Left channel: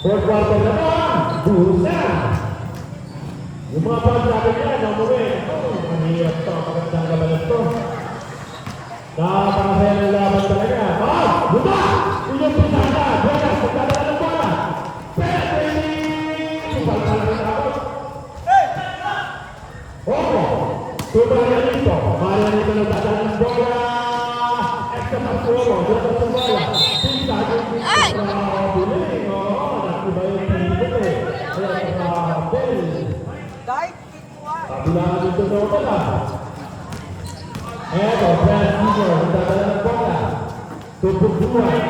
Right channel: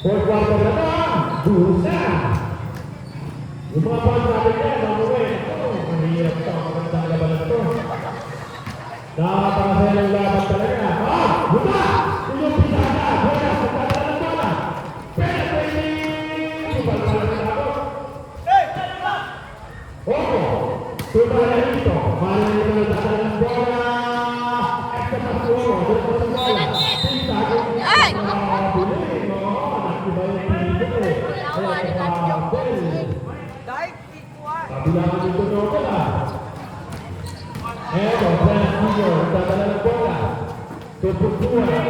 Berkuasa depan, Bursa. Lumaban dari dia, nomor ini stop kencang betul. Dah pasal lawan mereka. Buka, tunjuk bisa ada, banyak sekarang bola. Sudah itu, hari ini letakkan bola. Ekspektasi bola, bilangan itu bola. Cukup kuat,